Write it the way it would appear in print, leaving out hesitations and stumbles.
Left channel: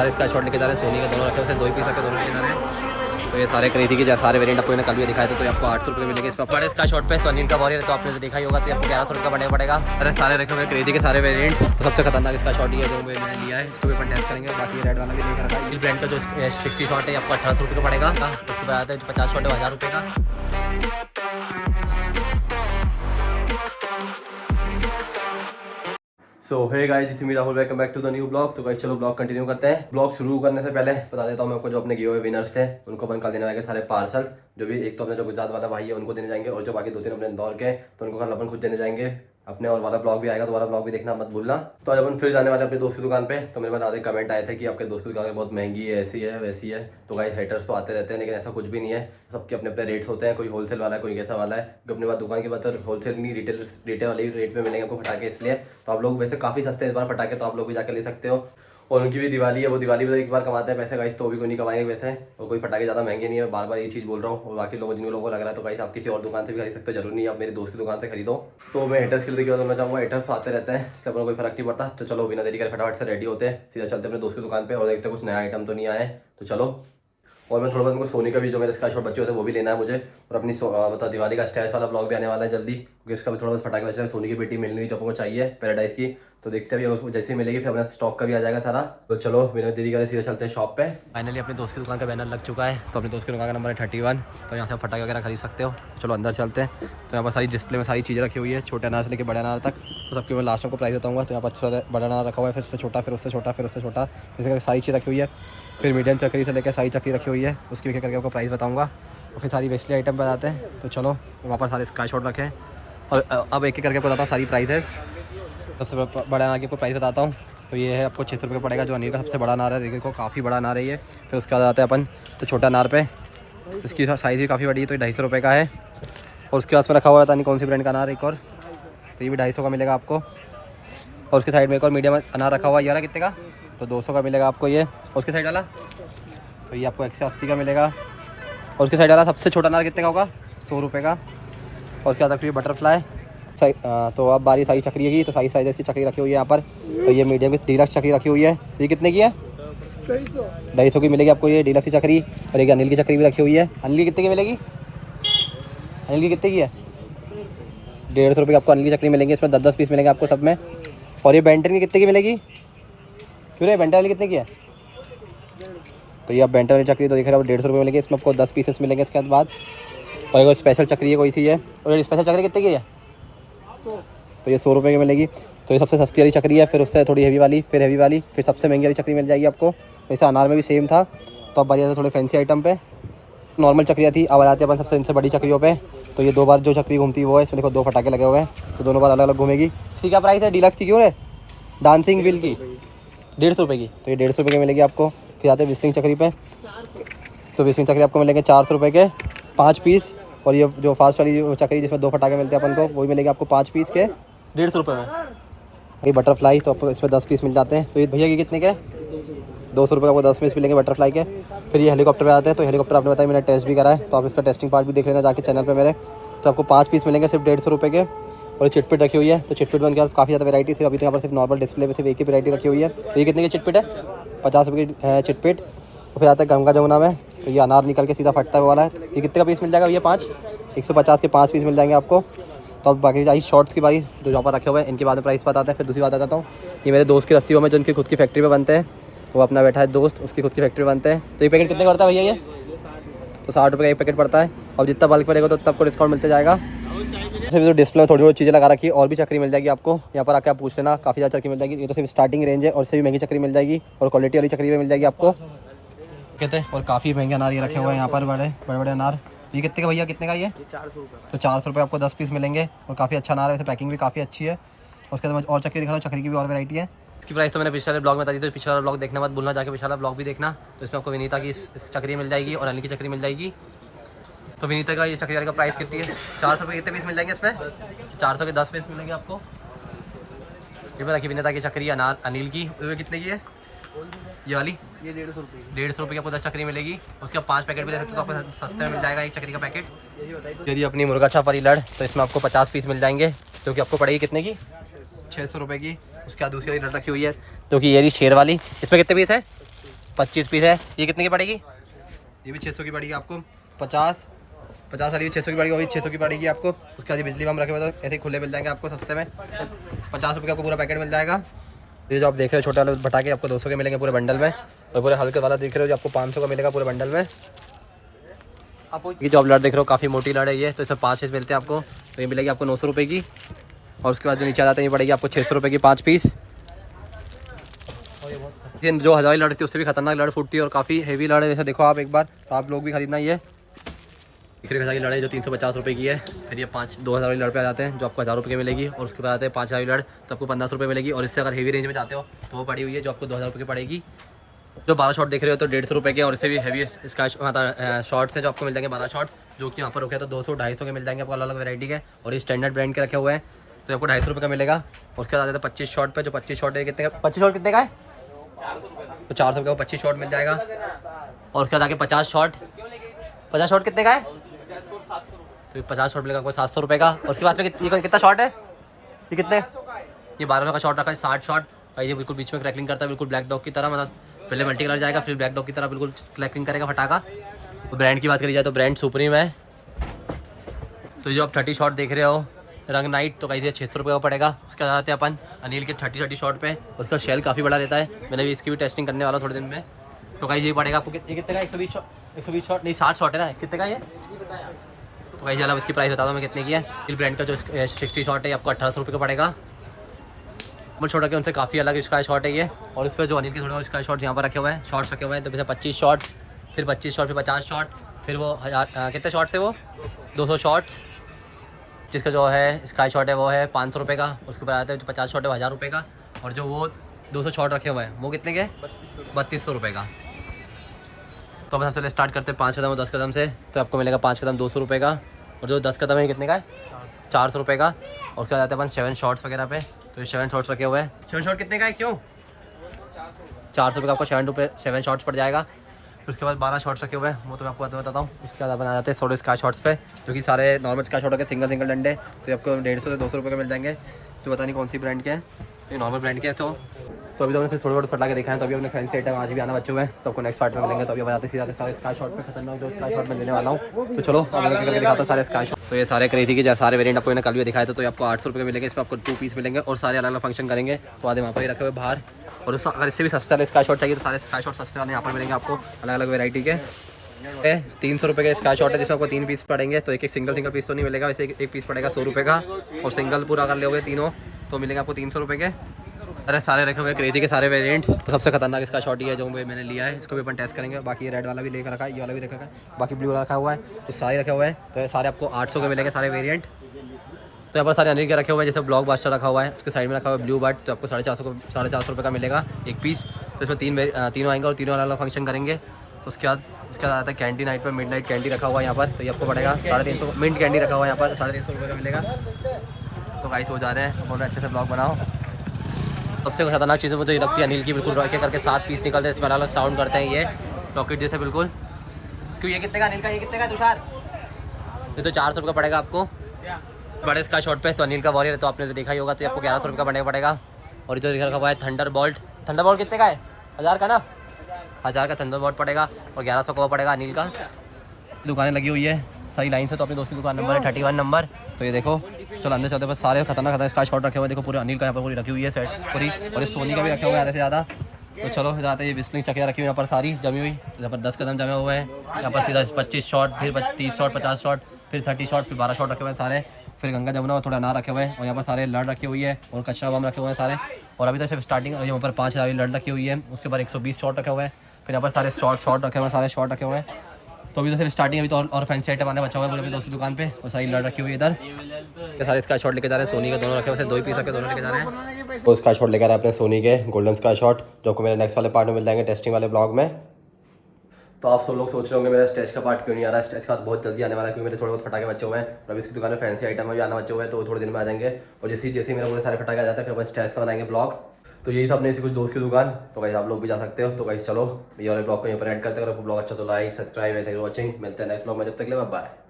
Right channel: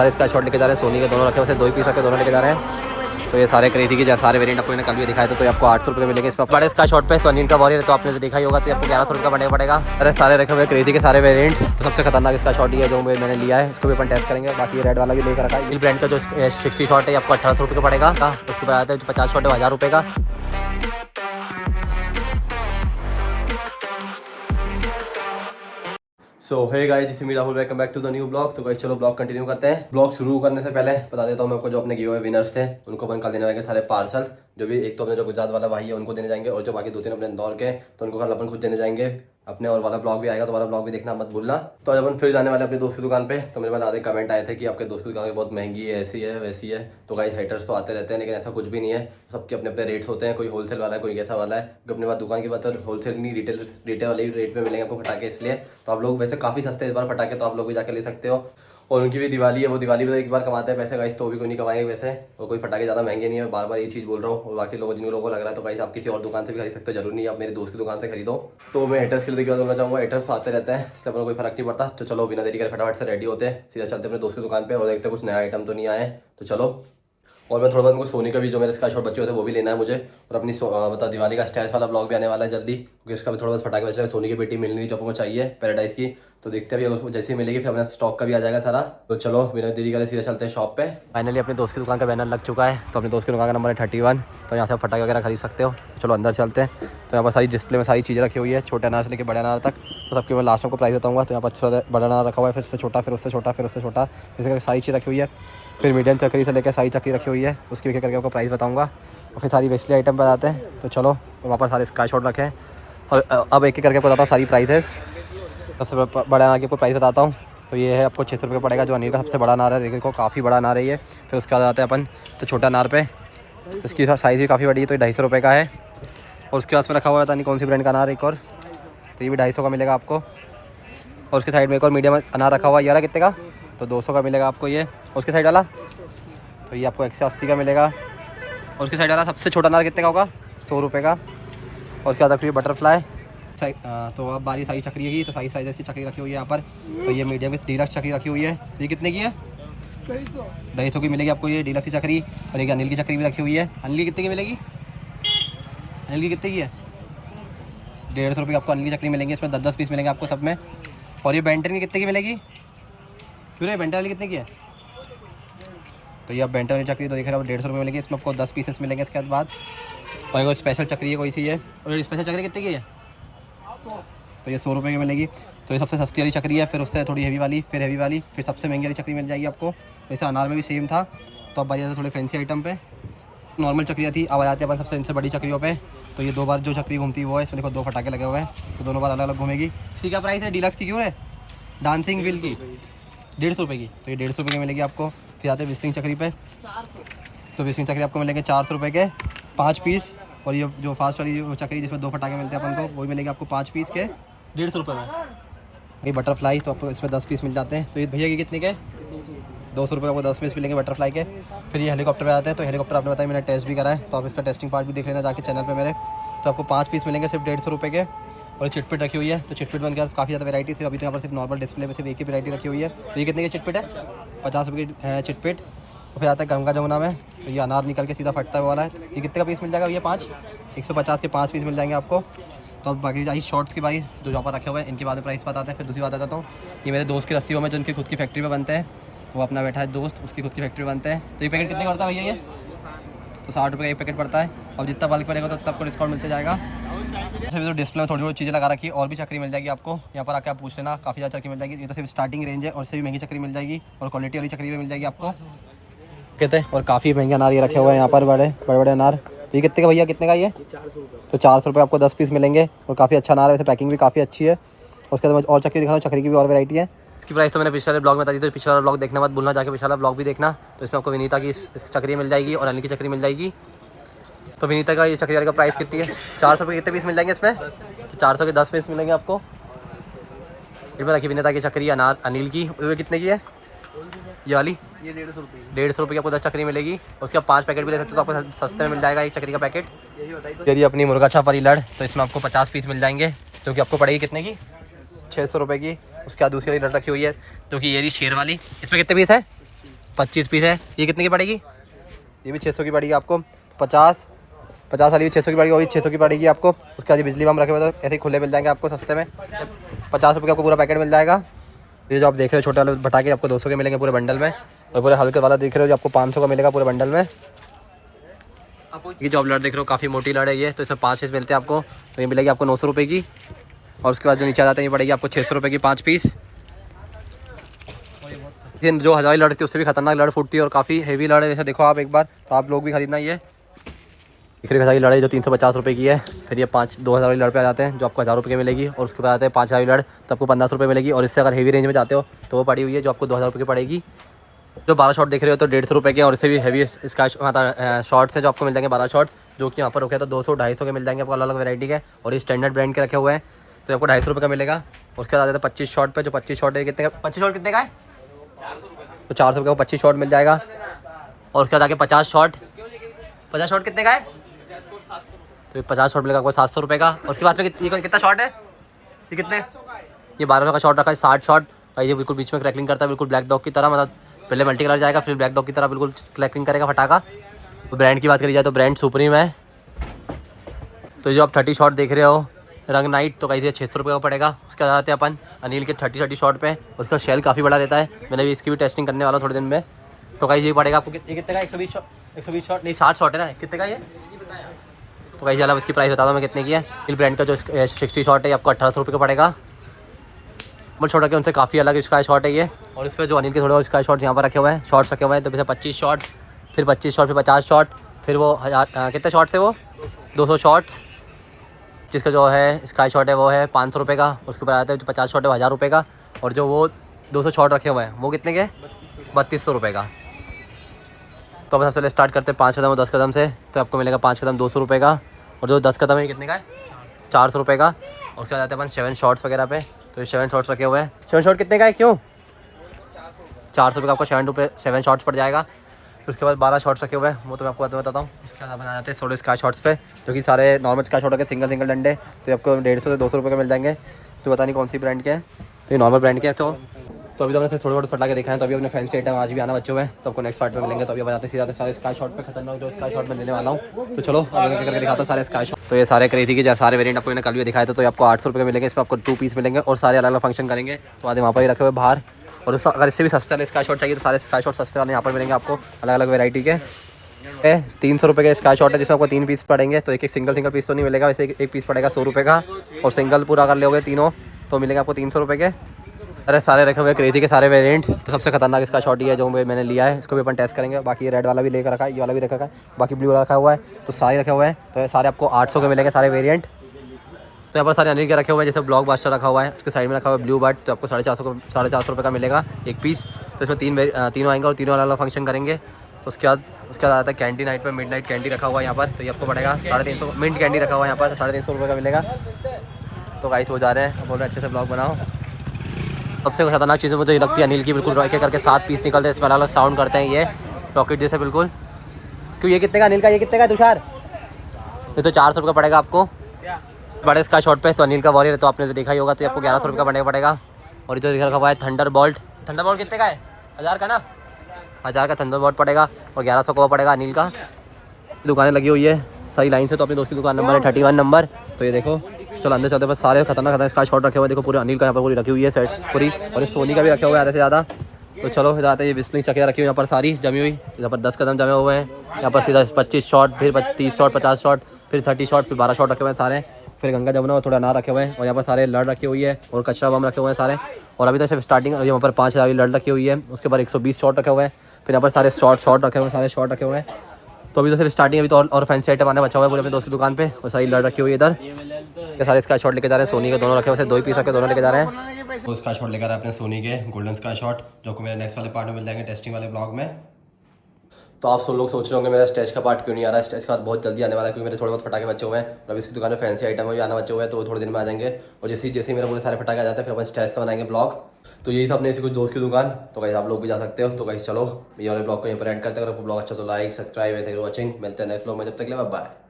सारे sky shot लेके जा रहे हैं। सोनी के दोनों रखे हुए, 2 पीस रखे, दोनों लेके जा रहे हैं। तो ये सारे खरीदी के सारे वेरिएंट आपको कल भी दिखाए थे। तो आपको 800 रुपये मिलेंगे इस पर बड़े स्काई शॉट पे। तो अनिल का वॉरियर तो आपने देखा ही होगा, तो आपको 1100 रुपये का बनना पड़ेगा। अरे सारे रखे हुए खरीदी के सारे वेरिएंट। तो सबसे खतरनाक इसका शॉट ही है जो मैंने लिया है, इसको भी अपन टेस्ट करेंगे। बाकी रेड वाला भी लेकर रखा है। इस ब्रांड का जो 60 शॉट है आपको 1800 रुपये का पड़ेगा। उसके बाद आता है जो 50 शॉट है 1000 रुपये का। So hey guys, this is me Rahul, welcome back to the new blog. तो गाइस चलो ब्लॉग कंटिन्यू करते हैं। ब्लॉग शुरू करने से पहले बता देता हूँ मैं आपको, जो अपने गिव अवे विनर्स थे उनको अपन कल देने जाएंगे सारे पार्सल्स। जो भी एक तो अपने जो गुजरात वाला भाई है उनको देने जाएंगे, और जो बाकी 2-3 अपने इंदौर के, तो उनको कल अपन खुद देने जाएंगे अपने। और वाला ब्लॉग भी आएगा, तो वाला ब्लॉग भी देखना मत भूलना। तो आज अपन फिर जाने वाले अपने दोस्त की दुकान पे। तो मेरे पास आधे कमेंट आए थे कि आपके दोस्त की दुकान बहुत महंगी है, ऐसी है वैसी है। तो गाइस हेटर्स तो आते रहते हैं, लेकिन ऐसा कुछ भी नहीं है। सबके अपने अपने रेट्स होते हैं। कोई होलसेल वाला है, कोई कैसा वाला है। अपने पास दुकान की बात है, होलसेल नहीं रिटेल वाले रेट में मिलेंगे आपको फटाके। इसलिए तो आप लोग वैसे काफ़ी सस्ते इस बार फटाके, तो आप लोग भी जाकर ले सकते हो। और उनकी भी दिवाली है, वो दिवाली में एक बार कमाते हैं पैसे गाइस, तो वो भी कोई नहीं कमाएंगे वैसे। और कोई फटाके ज़्यादा महंगे नहीं है, बार बार ये चीज़ बोल रहा हूँ। और बाकी लोगों जिन लोगों को लग रहा है तो गाइस आप किसी और दुकान से भी खरीद सकते हो, जरूरी नहीं है आप मेरे दोस्त की दुकान से खरीदो। तो मैं हेटर्स के लिए क्या बोलना चाहूँगा, हेटर्स आते रहते हैं, इससे अपना कोई फर्क नहीं पड़ता। तो चलो बिना देरी करे फटाफट से रेडी होते हैं, सीधा चलते हैं अपने दोस्त की दुकान पर और देखते कुछ नया आइटम तो नहीं आए। तो चलो। और मैं थोड़ा बहुत मुझे सोनी का भी जो मेरे स्काई शॉट बच्चे होते हैं वो भी लेना है मुझे। और अपनी मतलब दिवाली का स्टाइल वाला ब्लॉग भी आने वाला है जल्दी, क्योंकि इसका भी थोड़ा बहुत फटाके बचा है। सोनी की बेटी मिलनी नहीं जो आपको चाहिए पैराडाइज की, तो देखते हैं अभी उसको जैसे ही मिलेगी फिर अपना स्टॉक का भी आ जाएगा सारा। तो चलो बिना देरी करे सीधे चलते हैं शॉप पे। फाइनली अपने दोस्त की दुकान का बैनर लग चुका है। तो अपने दोस्त की दुकान का नंबर है 31। तो यहाँ से आप फटाके वगैरह खरीद सकते हो। चलो अंदर चलते हैं। तो यहाँ पर सारी डिस्प्ले में सारी चीज़ें रखी हुई है, छोटे अनार से लेकर बड़े अनार तक। तो सबके मैं लास्ट में को प्राइस बताऊँगा। तो यहाँ पर अच्छा बड़ा अनार रखा हुआ है, फिर उससे छोटा, फिर उससे छोटा, फिर उससे छोटा, इस करके सारी चीज़ रखी हुई है। फिर मीडियम चक्री से लेकर सारी चक्री रखी हुई है, उसकी एक करके आपको प्राइस बताऊंगा। और फिर सारी वेस्टली आइटम बताते हैं। तो चलो वहाँ पर सारे स्काई शॉट रखे हैं। और अब एक एक करके आपको बताता हूँ सारी प्राइसेस। सबसे बड़ा अनार की आपको प्राइस बताता हूँ। तो ये है आपको 600 रुपये पड़ेगा, जो अनिल का सबसे बड़ा अनार है। देखो काफ़ी बड़ा अनार है ये। फिर उसके बाद आते हैं अपन तो छोटा अनार पे, इसकी साइज़ भी काफ़ी बड़ी है, तो ये 250 रुपये का है। और उसके पास में रखा हुआ है पता नहीं कौन सी ब्रांड का अनार एक और, तो ये भी 250 का मिलेगा आपको। और उसके साइड में एक और मीडियम अनार रखा हुआ है, ये वाला कितने का, तो 200 का मिलेगा आपको ये। और उसके साइड वाला तो ये आपको 180 का मिलेगा। और उसके साइड वाला सबसे छोटा अनार कितने का होगा, 100 रुपये का। और उसके बाद रखी हुई बटरफ्लाई। तो अब बारी सारी चक्री की, तो सारी साइज़ की चक्री रखी हुई है यहाँ पर। तो ये मीडियम की डीलक्स चक्री रखी हुई है। तो ये कितने की है, 250 की मिलेगी आपको ये डीलक्स की चक्री। और एक अनिल की चक्री भी रखी हुई है। अनिल की कितने की मिलेगी, अनिल की कितने की है, 150 रुपये की आपको अनिल की चक्री मिलेंगी। इसमें 10-10 पीस मिलेंगे आपको सब में। और ये बेंटन की कितने की मिलेगी, क्यों रे बेंटन वाली कितने की है, तो ये आप बेंटन वाली चक्री तो देख रहे हो 150 रुपये मिलेगी। इसमें आपको 10 पीसेस मिलेंगे इसके बाद। और एक स्पेशल चक्री है कोई सी है, और ये स्पेशल चक्री कितने की है, तो ये 100 रुपये की मिलेगी। तो ये सबसे सस्ती वाली चक्री है। फिर उससे थोड़ी हेवी वाली, फिर हेवी वाली, फिर सबसे महंगी वाली चक्री मिल जाएगी आपको। जैसे अनार में भी सेम था। तो अब बारी जाते थोड़े फैंसी आइटम पे। नॉर्मल चक्रियाँ थी, अब आ जाते हैं अपन सबसे इनसे बड़ी चक्रियों पे। तो ये 2 बार जो चक्री घूमती है वो है, इसमें देखो 2 फटाके लगे हुए हैं, तो दोनों बार अलग अलग घूमेगी। इसकी क्या प्राइस है डीलक्स की, क्यों है डांसिंग व्हील की 150 रुपये की, तो ये 150 रुपये की मिलेगी आपको। फिर आते हैं विस्लिंग चक्री पे। तो विस्लिंग चक्री आपको मिलेंगे 400 रुपये के 5 पीस। और ये जो फास्ट वाली चक्री जिसमें 2 फटाके मिलते हैं अपन को, वो भी मिलेगी आपको 5 पीस के 150 रुपये में। ये बटरफ्लाई तो आपको इसमें 10 पीस मिल जाते हैं। तो ये भैया ये कितने के, 200 रुपये आपको 10 पीस मिलेंगे बटरफ्लाई के। फिर ये हेलीकॉप्टर पे आते हैं। तो हेलीकॉप्टर आपने बताया मैंने टेस्ट भी करा है, तो आप इसका टेस्टिंग पार्ट भी देख लेना जाके चैनल पे मेरे। तो आपको 5 पीस मिलेंगे सिर्फ 150 रुपये के। और ये चिटपिट रखी हुई है। तो चिटपिट बन के काफ़ी ज़्यादा वैरायटी, सिर्फ अभी तो यहाँ पर सिर्फ नॉर्मल डिस्प्ले पे सिर्फ एक ही वैरायटी रखी हुई है। तो ये कितने की चिटपिट है, 50 रुपये की है चिटपिट। तो फिर आता है गंगा जमुना में। तो ये अनार निकल के सीधा फटता है वो वाला है। ये कितने का पीस मिल जाएगा, ये 5 150 के 5 पीस मिल जाएंगे आपको। तो अब बाकी आई शॉर्ट्स की बारी, जो यहाँ पर रखे हुए हैं इनके बाद में प्राइस बताते हैं। फिर दूसरी बात बताता हूँ, ये मेरे दोस्त की रस्सियों में जो उनकी खुद की फैक्ट्री पे बनते हैं। तो वो अपना बैठा है दोस्त, उसकी खुद की फैक्ट्री बनते हैं। तो ये पैकेट कितने करता है भैया, ये तो 60 रुपये का एक पैकेट पड़ता है। और जितना बल्क पड़ेगा तो उतना आपको डिस्काउंट मिलते जाएगा। फिर जो डिस्प्ले में थोड़ी बहुत चीज़ें लगा रखी है, और भी चक्री मिल जाएगी आपको। यहाँ पर आके आप पूछ लेना, काफ़ी ज़्यादा चक्री मिल जाएगी। ये तो सिर्फ स्टार्टिंग रेंज है, और इससे भी महंगी चक्री मिल जाएगी। और क्वालिटी वाली चक्री भी मिल जाएगी आपको कहते हैं। और काफ़ी महंगे अनार ये रखे हुए हैं यहाँ पर, बड़े बड़े अनार। तो ये कितने का भैया, कितने का ये 400 रुपये। तो 400 रुपये आपको 10 पीस मिलेंगे। और काफ़ी अच्छा अनार है, वैसे पैकिंग भी काफ़ी अच्छी है। उसके बाद और चक्री दिखा दो, चक्री की भी और वैरायटी है। इसकी प्राइस तो मैंने पिछले ब्लॉग में बता दी, तो पिछला ब्लॉग देखना मत भूलना, जाके पिछला ब्लॉग भी देखना। तो इसमें आपको विनीता की इस चक्री मिल जाएगी और अनिल की चक्री मिल जाएगी। तो विनीता का ये चक्री वाले का प्राइस कितनी है, 400 रुपये। कितने पीस मिल जाएंगे इसमें, 400 के 10 पीस मिलेंगे आपको। इसमें रखी विनीता की चक्री अनार अनिल की, वो कितने की है ये वाली, ये 150 रुपये। 150 रुपये की आपको 10 चक्री मिलेगी। उसके आप 5 पैकेट भी ले सकते हो, तो आपको सस्ते में मिल जाएगा एक चक्री का पैकेट। यदि अपनी मुर्गा छाप वाली लड़, तो इसमें आपको 50 पीस मिल जाएंगे, क्योंकि आपको पड़ेगी कितने की, 600 रुपये की। उसके बाद दूसरी वाली लड़ रखी हुई है, जो कि ये शेर वाली, इसमें कितने पीस है, 25 पीस है। ये कितने की पड़ेगी? ये भी 600 की पड़ेगी आपको। 50 वाली भी 600 की पड़ेगी, वो भी 600 की पड़ेगी आपको। उसके बाद बिजली बम रखे हुए तो ऐसे ही खुले मिल जाएंगे आपको सस्ते में। 50 रुपये का आपको पूरा पैकेट मिल जाएगा। ये जो आप देख रहे हो छोटे वाले पटाखे आपको 200 के मिलेंगे पूरे बंडल में, और पूरे हल्के वाला देख रहे हो जो आपको 500 का मिलेगा पूरे बंडल में। ये जो आप लड़ देख रहे हो काफ़ी मोटी लड़ है ये, तो इसमें 5 पीस मिलते हैं आपको। तो ये मिलेगी आपको 900 रुपये की। और उसके बाद जो नीचे आ जाते हैं ये पड़ेगी आपको 600 रुपये की 5 पीस। जो हज़ारी लड़ थी उससे भी खतरनाक लड़ फूटती है और काफ़ी हेवी लड़ है। जैसे देखो आप एक बार, तो आप लोग भी खरीदना ये हज़ारी लड़ है जो 350 रुपये की है। फिर ये 2000 वाली लड़ पे आ जाते हैं जो आपको 1000 रुपये की मिलेगी। और उसके बाद आते हैं 5000 वाली लड़, तो आपको 1500 रुपये मिलेगी। और इससे अगर हेवी रेंज में जाते हो तो वो पड़ी हुई है जो आपको 2000 रुपये की पड़ेगी। जो 12 शॉट देख रहे हो तो 150 रुपये के, और इससे भी हेवी इसका शॉर्ट्स है जो आपको मिल जाएंगे 12 शॉर्ट्स, जो कि यहाँ पर रखे तो 200-250 के मिल जाएंगे आपको अलग अलग वैरायटी के। और ये स्टैंडर्ड ब्रांड के रखे हुए हैं तो आपको 250 रुपये का मिलेगा। उसके बाद आते हैं 25 शॉट पे, जो 25 शॉट है कितने का? 25 शॉट कितने का है? तो 400 रुपये का 25 शॉट मिल जाएगा। और उसके बाद आके 50 शॉट कितने का है? तो ये 50 शॉट मिलेगा आपको 700 रुपये का। और उसके बाद में ये कितना शॉट है? ये कितने? ये 1200 का शॉट रखा है। 60 शॉट का ये बिल्कुल बीच में क्रैकलिंग करता है, बिल्कुल ब्लैक डॉग की तरह। मतलब पहले मल्टी कलर जाएगा फिर ब्लैक डॉग की तरह बिल्कुल क्रैकलिंग करेगा फटाका। तो ब्रांड की बात करी जाए तो ब्रांड सुप्रीम है। तो जो आप 30 शॉट देख रहे हो रंग नाइट, तो कहीं 600 रुपये का पड़ेगा। उसके बाद आते हैं अपन अनिल के 30 शॉट पे। उसका शेल काफ़ी बड़ा रहता है, मैंने भी इसकी भी टेस्टिंग करने वाला थोड़े दिन में। तो कहीं ये पड़ेगा आपको कितने का? 120 शॉट नहीं 60 शॉट है ना, कितने का ये? तो कहीं चला इसकी प्राइस बता दो मैं कितने की है। इल ब्रांड का जो 60 शॉट है आपको 1800 रुपये का पड़ेगा। बट छोटा के उनसे काफ़ी अलग स्काई शॉट है ये। और इस पर जो अनिल के थोड़े और स्काई शॉट यहाँ पर रखे हुए हैं, शॉट्स रखे हुए हैं। तो जैसे 25 शॉट, फिर 25 शॉट, फिर 50 शॉट, फिर वो 1000 कितने शॉट्स है वो? 200 शॉट्स। जिसका जो है स्काई शॉट है वो है 500 रुपये का। उसके ऊपर आता है जो 50 शॉट है वो 1000 रुपये का। और जो वो 200 शॉट रखे हुए हैं वो कितने के? 3200 रुपये का। तो अब सबसे स्टार्ट करते हैं 5 कदम और 10 कदम से। तो आपको मिलेगा 5 कदम 200 रुपये का, और जो 10 कदम है कितने का है? 400 रुपये का। और उसके बाद आते हैं अपन 7 शॉट्स वगैरह पे। तो ये 7 शॉट्स रखे हुए हैं। 7 शॉट कितने का है? क्यों? 400 रुपये का आपको 7 शॉट्स पड़ जाएगा। फिर उसके बाद 12 शॉट्स रखे हुए हैं, वो तो मैं आपको बताता हूँ। उसके बाद अपन आ जाते हैं 100 स्काई शॉट्स पे, जो कि सारे नॉर्मल स्काई शॉट के सिंगल डंडे। तो ये आपको 150 से 200 रुपये के मिल जाएंगे। तो पता नहीं कौन सी ब्रांड के हैं, तो ये नॉर्मल ब्रांड के हैं। तो अभी तो हमने थोड़े फटा के देखा है। तो अभी अपने फैंसी आइटम आज भी आना बच्चों में, तो आपको नेक्स्ट पार्ट में मिलेंगे। तो अभी बताते सीधा सारे स्काई शॉट पे खतरनाक जो स्काई शॉट में लेने वाला हूँ। तो चलो अब करके दिखाता हूँ सारे स्काई शॉट। तो ये सारे क्रेजी के सारे वेरिएंट आपको मैंने कल भी दिखाया था। तो ये आपको 800 रुपये के मिलेंगे। इसमें आपको 2 पीस मिलेंगे और सारे अलग अलग फंक्शन करेंगे। तो आधे वहाँ पर ही रखे हुए बाहर। और अगर इससे भी सस्ते वाले स्काई शॉट चाहिए तो सारे स्काई शॉट सस्ते वाले यहाँ पर मिलेंगे आपको अलग अलग वेराइटी के। 300 रुपये के स्काई शॉट है जिसमें आपको 3 पीस पड़ेंगे। तो एक सिंगल पीस तो नहीं मिलेगा, वैसे एक पीस पड़ेगा 100 रुपये का। और सिंगल पूरा कर लोगे तीनों तो मिलेंगे आपको 300 रुपये के। अरे सारे रखे हुए क्रेजी के सारे वेरिएंट। तो सबसे खतरनाक इसका शॉट ही है जो मैंने लिया है, इसको भी अपन टेस्ट करेंगे। बाकी ये रेड वाला भी लेकर रखा है, ये वाला भी रखा है, बाकी ब्लू वाला रखा हुआ है। तो सारे रखे हुए हैं। तो ये सारे आपको 800 के मिलेंगे सारे वेरिएंट। तो यहाँ पर सारे अनिल के रखे हुए हैं, जैसे ब्लॉक बास्टर रखा हुआ है, उसके साइड में रखा हुआ है ब्लू बर्ड। तो आपको 450 रुपये का मिलेगा एक पीस। तो इसमें तीनों आएंगे और तीनों अलग अलग फंक्शन करेंगे। तो उसके बाद आता है कैंडी नाइट पर, मिड नाइट कैंडी रखा हुआ है यहाँ पर। तो ये आपको पड़ेगा 350। मिंट कैंडी रखा हुआ है यहाँ पर, 350 रुपये का मिलेगा। तो गाइस हो जा रहे हैं, बोल रहे अच्छे से ब्लॉग बनाओ। सबसे खतरनाक चीज़ें मुझे लगती है अनिल की, बिल्कुल रॉकेट करके 7 पीस निकलते हैं, इसमें अलग अलग साउंड करते हैं ये रॉकेट जैसे बिल्कुल। क्यों ये कितने का अनिल का? ये कितने का तुषार? ये तो 400 रुपये का पड़ेगा आपको बड़े इसका शॉट पे। तो अनिल का वॉरियर तो आपने तो देखा ही होगा। तो आपको 1100 रुपये का बनने पड़ेगा। और इधर रखा हुआ है थंडर बोल्ट कितने का है? 1000 का ना, 1000 का थंडर बोल्ट पड़ेगा। और 1100 का वो पड़ेगा अनिल का। दुकानें लगी हुई है सही लाइन से। तो अपने दोस्त की दुकान नंबर है 31 नंबर। तो ये देखो चलो अंदर चलते, बस सारे खतरनाक इसका शॉट रखे हुए हैं। देखो पूरे अनिल का यहाँ पर पूरी रखी हुई है सेट पूरी। और ये सोनी का भी रखा हुआ है आधे से ज़्यादा। तो चलो इधर आते हैं, ये विस्लिंग चकिया रखी हुई है यहाँ पर सारी जमी हुई। यहाँ पर 10 कदम जमे हुए हैं। यहाँ पर सीधा 25 शॉट, फिर 30 शॉट, 50 शॉट, फिर 30 शॉट, फिर 12 शॉट रखे हुए हैं सारे। फिर गंगा जमुना और थोड़ा अनार रखे हुए हैं। और यहाँ पर सारे लड़ रखी हुई है और कचरा बम रखे हुए हैं सारे। और अभी तो सिर्फ स्टार्टिंग यहाँ पर 5000 की लड़ रखी हुई है। उसके बाद 120 शॉट रखे हुए हैं। फिर यहाँ पर सारे शॉट रखे हुए हैं, सारे शॉट रखे हुए हैं। तो अभी तो सिर्फ स्टार्टिंग, अभी तो और फैंसी आइटम आने बचा हुआ है पूरे अपने दोस्त की दुकान पे। और सारी लड़ रखी हुई है इधर। ये सारे स्काई शॉट लेके जा रहे हैं सोनी के, दोनों रखे हुए 2 पीस रखे दोनों लेके जा रहे हैं। तो स्काई शॉट लेकर आ रहे हैं अपने सोनी के गोल्डन स्काई शॉट, जो को मेरे नेक्स्ट वाले पार्ट में मिल जाएंगे टेस्टिंग वाले ब्लॉग में। तो आप सब लोग सोच रहे होंगे मेरा स्टेज का पार्ट क्यों नहीं आ रहा है। स्टेज का पार्ट बहुत जल्दी आने वाला है, क्योंकि मेरे थोड़े बहुत फटाके बचे हुए हैं। और अभी इसकी दुकान में फैंसी आइटम भी आना बचे हुए हैं, तो वो थोड़े दिन में आ जाएंगे। और जैसे मेरे पूरे सारे फटाके आ जाते हैं फिर अपन स्टेज का बनाएंगे ब्लॉग। तो यही था अपने इसी कुछ दोस्त की दुकान। तो गाइस आप लोग भी जा सकते हो। तो गाइस चलो ये वाले ब्लॉग को यहाँ पर एंड करते हैं। अगर आपको ब्लॉग अच्छा तो लाइक सब्सक्राइब है। Thank you for watching. मिलते हैं नेक्स्ट ब्लॉग में, जब तक के लिए बाय बाय।